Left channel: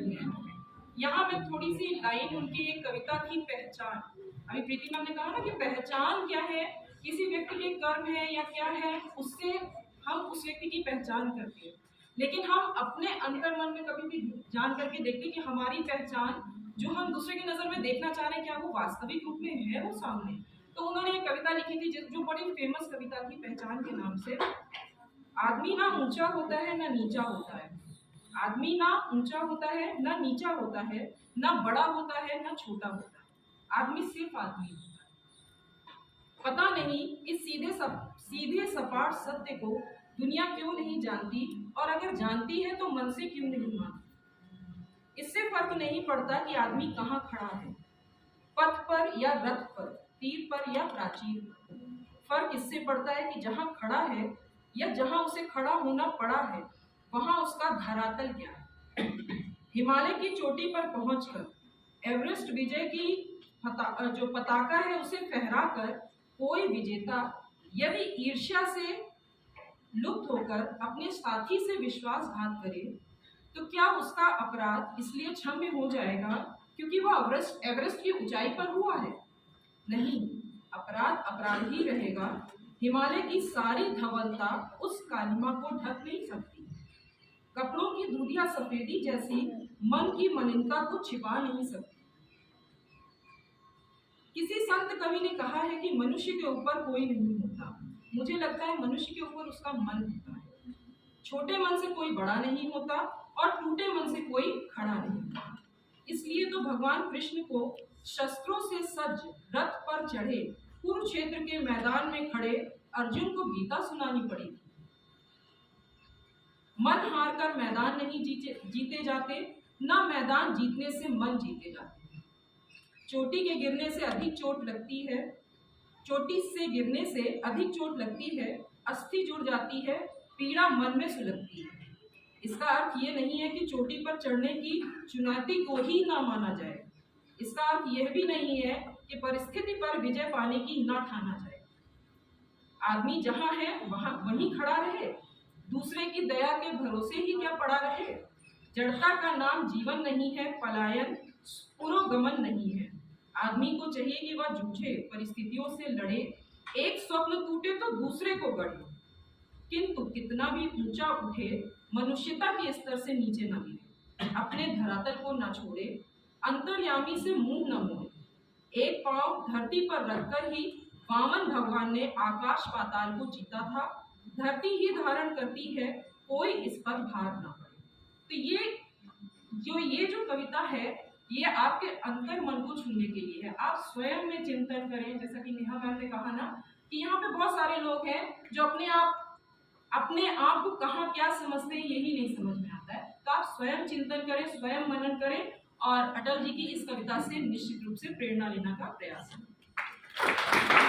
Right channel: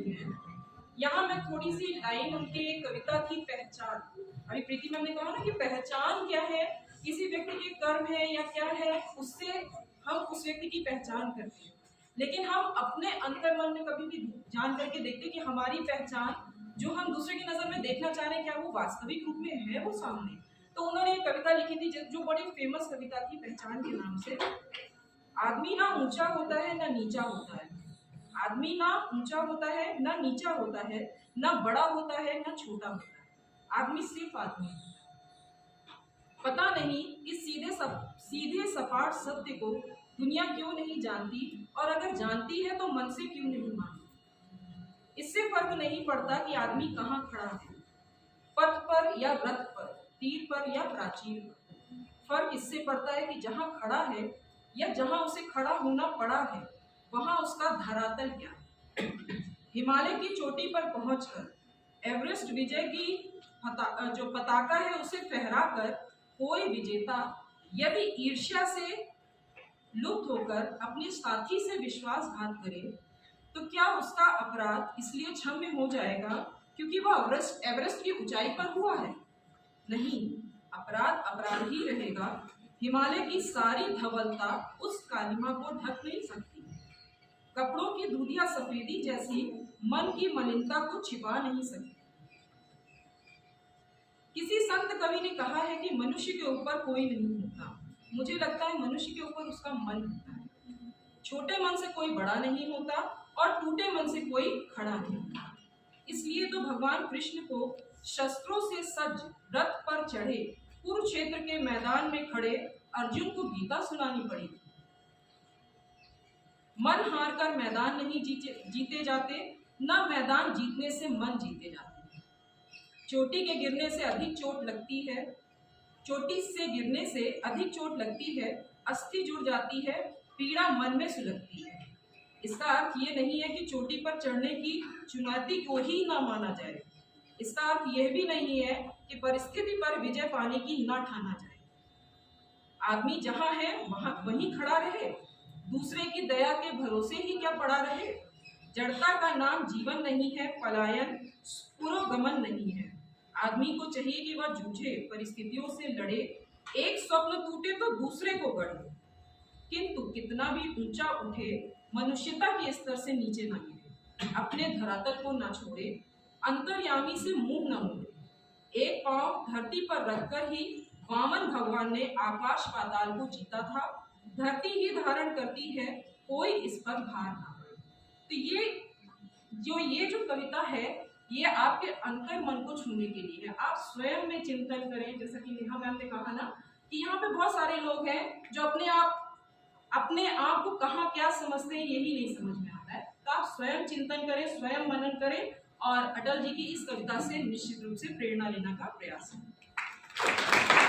रही हैं। यहाँ मैं थोड़ी सी लाइन उनकी एक कविता थी पहचान। अभी प्रीति मैम ने कहा ना कि पहचान क्या है, किसी व्यक्ति के कर्म है या क्या है, उससे हम उस व्यक्ति की पहचान करते हैं। लेकिन हम अपने अंतर मन में कभी भी जान करके देखते कि हमारी पहचान जो हम दूसरे की नजर में देखना चाह रहे हैं, क्या वो वास्तविक रूप में है वो सामने। तो उन्होंने एक कविता लिखी थी जो बड़ी फेमस कविता थी पहचान के नाम से। आदमी ना ऊंचा होता है ना नीचा होता है, आदमी ना ऊंचा होता है ना नीचा होता है, ना बड़ा होता है ना छोटा होता है, आदमी सिर्फ आदमी है। पता नहीं इस सीधे सपाट सत्य को दुनिया क्यों नहीं जानती, और अगर जानती है तो मन से क्यों नहीं मानती। इससे फर्क नहीं पड़ता कि आदमी कहाँ खड़ा है, पथ पर या रथ पर, तीर पर या प्राचीर पर। फर्क इससे पड़ता है कि जहाँ खड़ा है या जहाँ उसे खड़ा होना पड़ा है, वहां उसका धरातल क्या है। हिमालय की चोटी पर पहुंचकर एवरेस्ट विजय की जो पताका है उसे फहराकर कोई विजेता यदि ईर्ष्या से लुप्त होकर अपने साथी से विश्वासघात करे, तो क्या उसका अपराध इसलिए क्षम्य हो जाएगा क्योंकि वह एवरेस्ट की ऊंचाई पर हुआ है? नहीं, अपराध अपराध ही रहेगा। हिमालय की सारी धवलता उस कालिमा को ढक नहीं सकती। कपड़ों की दूधिया सफेदी जैसी मन की मलिनता को छिपा नहीं सकती। किसी संत कवि ने कहा है कि मनुष्य के ऊपर कोई नहीं होता। मुझे लगता है मनुष्य के ऊपर उसका मन होता है। छोटे मन से कोई बड़ा नहीं होता और टूटे मन से कोई खड़ा नहीं होता। इसलिए तो भगवान कृष्ण को शस्त्रों से सज्ज रथ पर चढ़े कुरुक्षेत्र के मैदान में खड़े अर्जुन को गीता सुनानी पड़ी थी। मन हार कर मैदान नहीं जीते जाते, ना मैदान जीतने से मन जीते जाते। चोटी के गिरने से अधिक चोट लगती है, चोटी से गिरने से अधिक चोट लगती है, अस्थि जुड़ जाती है, पीड़ा मन में सुलगती है। इसका अर्थ ये नहीं है कि चोटी पर चढ़ने की चुनौती को ही ना माना जाए। इसका अर्थ यह भी नहीं है कि परिस्थिति पर विजय पाने की ना ठाना जाए। आदमी जहां है वहीं खड़ा रहे, दूसरे की दया के भरोसे ही क्या पड़ा रहे। जड़ता का नाम जीवन नहीं है, पलायन पुरोगमन नहीं है। आदमी को चाहिए कि वह जूझे, परिस्थितियों से लड़े, एक स्वप्न टूटे तो दूसरे को गढ़े, किंतु कितना भी ऊंचा उठे मनुष्यता के स्तर से नीचे ना गिरे, अपने धरातल को ना छोड़े, अंतर्यामी से मुंह न मोड़े। एक पांव धरती पर रखकर ही वामन भगवान ने आकाश पाताल को जीता था। धरती ही धारण करती है, कोई इस पर भार ना पड़े। तो ये जो कविता है, ये आपके अंतर मन को छूने के लिए है। आप स्वयं में चिंतन करें, जैसा कि नेहा मैम ने कहा ना कि यहाँ पे बहुत सारे लोग हैं जो अपने आप को कहाँ क्या समझते हैं यही नहीं समझ में आता है। तो आप स्वयं चिंतन करें, स्वयं मनन करें और अटल जी की इस कविता से निश्चित रूप से प्रेरणा लेने का प्रयास करें।